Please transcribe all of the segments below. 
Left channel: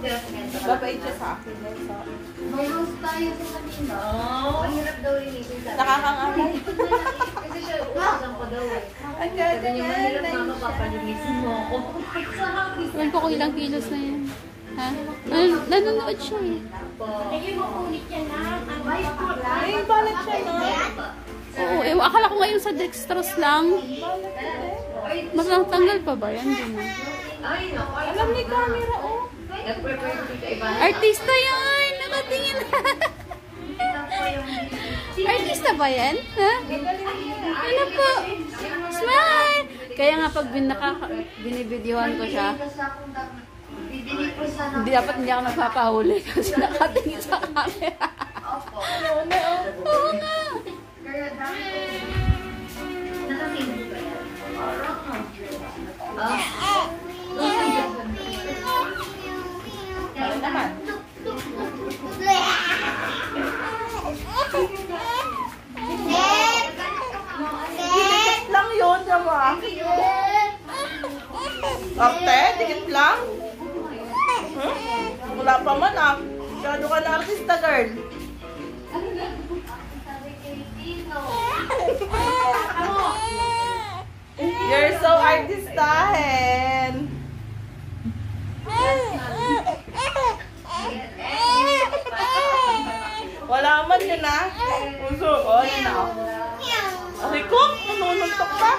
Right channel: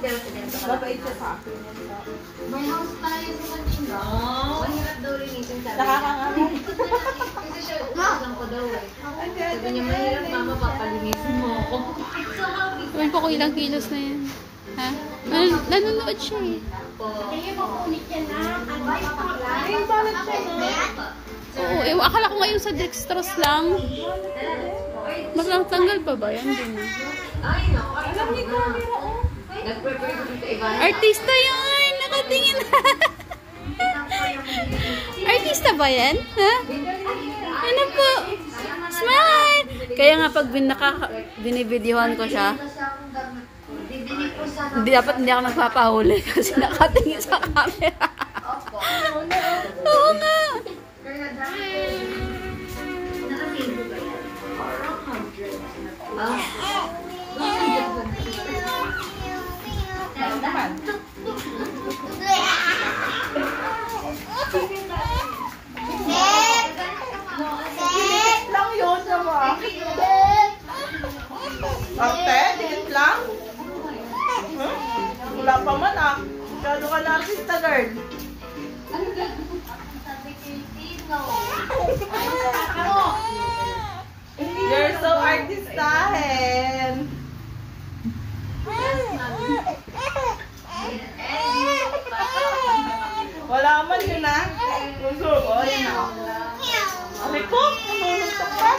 Babait siya sa akin. May house tayo sa Manila. Ang hirap daw rin ito. Nakakangamay. Kasi siya, uusang ko daw eh. Sabi niya, mahirap mama, papalinisin mo ako. Iwan po ko ilang kilos na yan. Ha? Nanonood siya eh. Ayun, makunit yan na. Ano ba yung pakla? Ay, balik siya na. Oo, akala ko ngayon sa dextrose lang. Mas lang tanggal pa ba yan? Hindi na. Alam ni camera, oh. Artista yan! Nakatingin na. Artista ba yan? Ha? Ano po? Smile! Kaya nga pag binibidyohan ko siya, hindi ako nagpapahuli kasi nakatingin sa camera. Oo nga. Naman. Dikit lang yun, diba? Arte, dikit lang? Huh? Wala pa man ah. Masyado ka na artista, girl. You're so artistahin. Wala man yun ah. Puso, oh yun ah. Aray ko, nanununtok pa.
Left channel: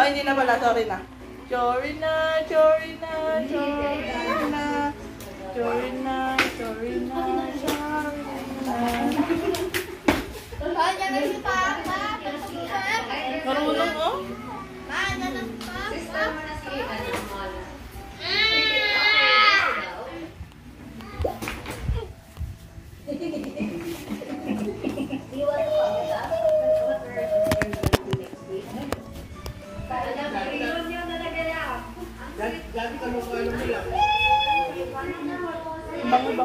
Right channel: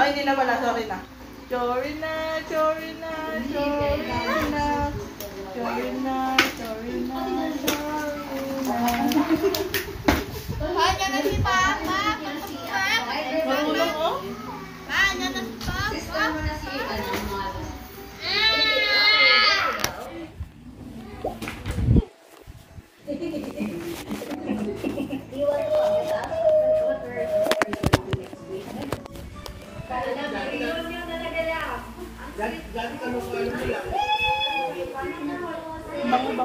Oh, hindi na pala, sorry na. Sorry na, sorry na, sorry na. Sorry na, sorry na, sorry na. Marunong mo? Bango ba?